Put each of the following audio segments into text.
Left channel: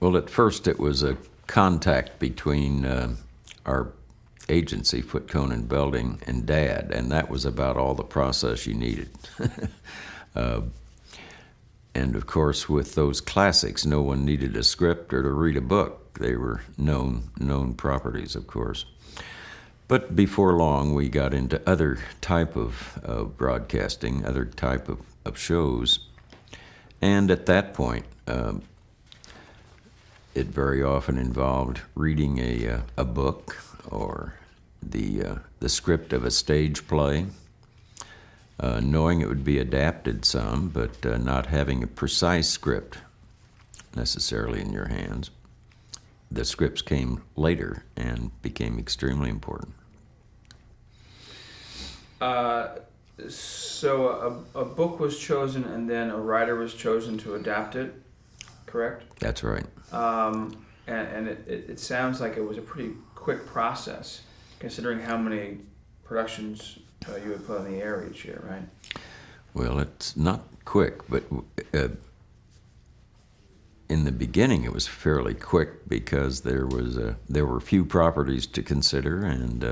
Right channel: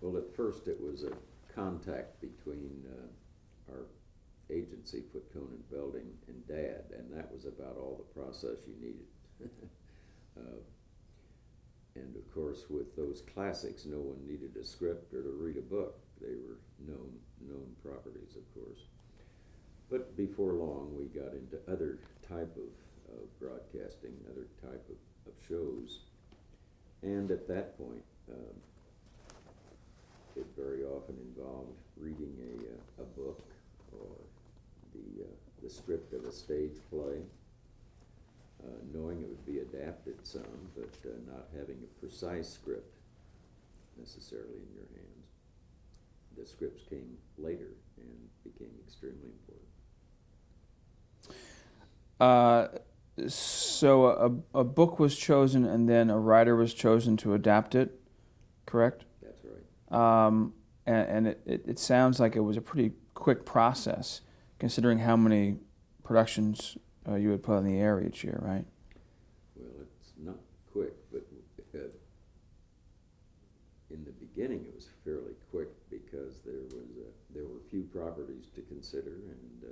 Well, at first it was a contact between our agency, Foot Cone and Belding, and Dad, and that was about all the process you needed. uh, and of course, with those classics, no one needed a script or to read a book. They were known properties, of course. But before long, we got into other type of broadcasting, other type of shows, and at that point, it very often involved reading a book or the script of a stage play, knowing it would be adapted some, but not having a precise script necessarily in your hands. The scripts came later and became extremely important. So a book was chosen and then a writer was chosen to adapt it, correct? That's right. And it sounds like it was a pretty quick process, considering how many productions you would put on the air each year, right? Well, it's not quick, but in the beginning it was fairly quick because there were few properties to consider, and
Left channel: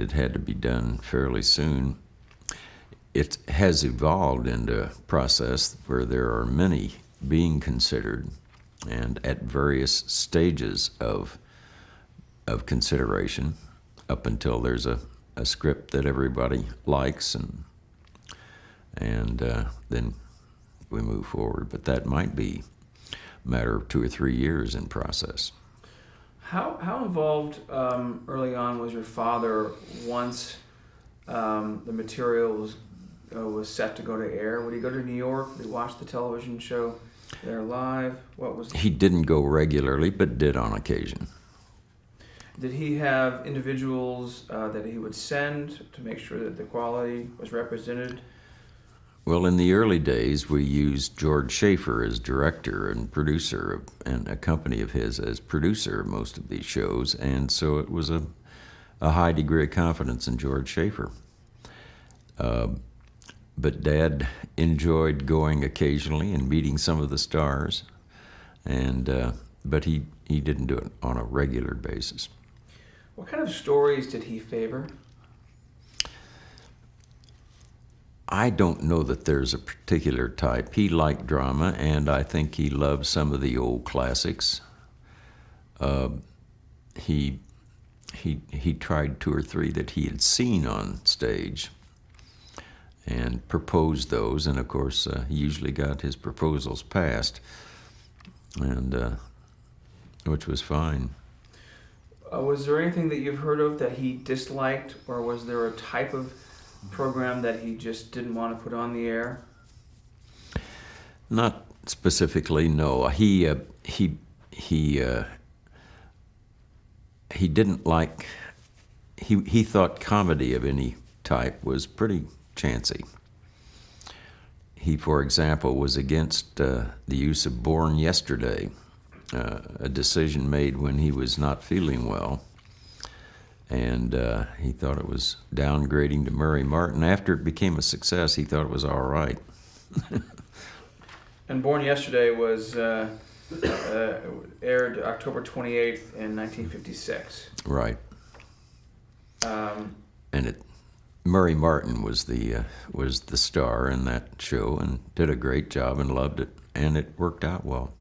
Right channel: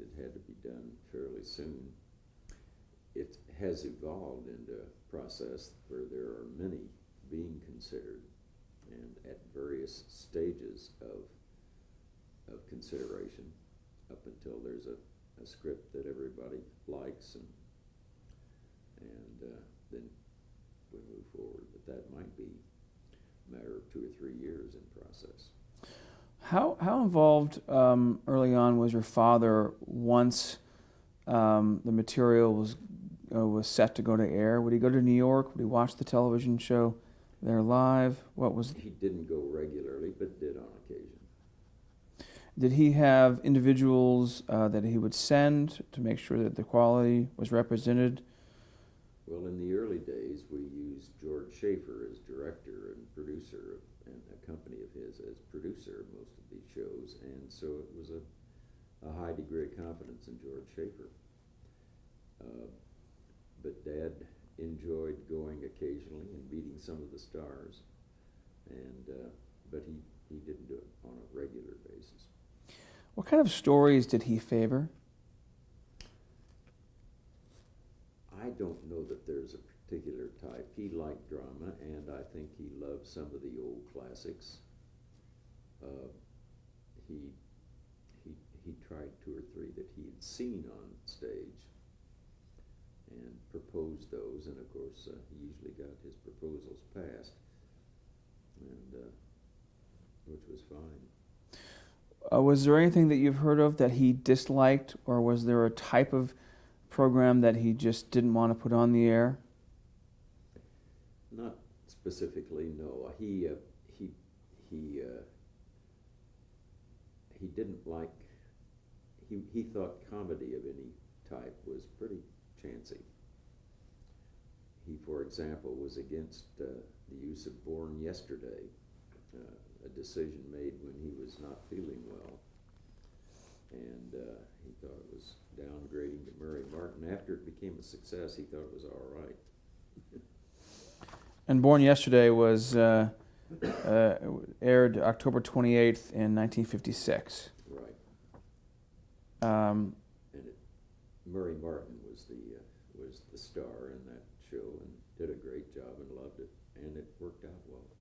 it had to be done fairly soon. It has evolved into a process where there are many being considered, and at various stages of consideration, up until there's a script that everybody likes, and then we move forward. But that might be a matter of 2 or 3 years in process. How involved early on was your father once the material was set to go to air? Would he go to New York? Would he watch the television show there live? What was? He didn't go regularly, but did on occasion. Did he have individuals that he would send to make sure that the quality was represented? Well, in the early days, we used George Schaefer as director and producer, and a company of his as producer of most of these shows, and so it was a high degree of confidence in George Schaefer. But Dad enjoyed going occasionally and meeting some of the stars, but he didn't do it on a regular basis. What kind of stories did he favor? I don't know that there's a particular type. He liked drama, and I think he loved some of the old classics. He tried 2 or 3 that he had seen on stage and proposed those, and of course he usually got his proposals passed, and which was fine. Was there anything that you've heard of that he disliked, or was there a type of program that he just didn't want to put on the air? Not specifically, no. He didn't like. He thought comedy of any type was pretty chancy. He, for example, was against the use of Born Yesterday, a decision made when he was not feeling well. And he thought it was downgrading to Murray Martin. After it became a success, he thought it was all right. And Born Yesterday was aired October 28th in 1956. Right. And Murray Martin was the star in that show and did a great job and loved it, and it worked out well.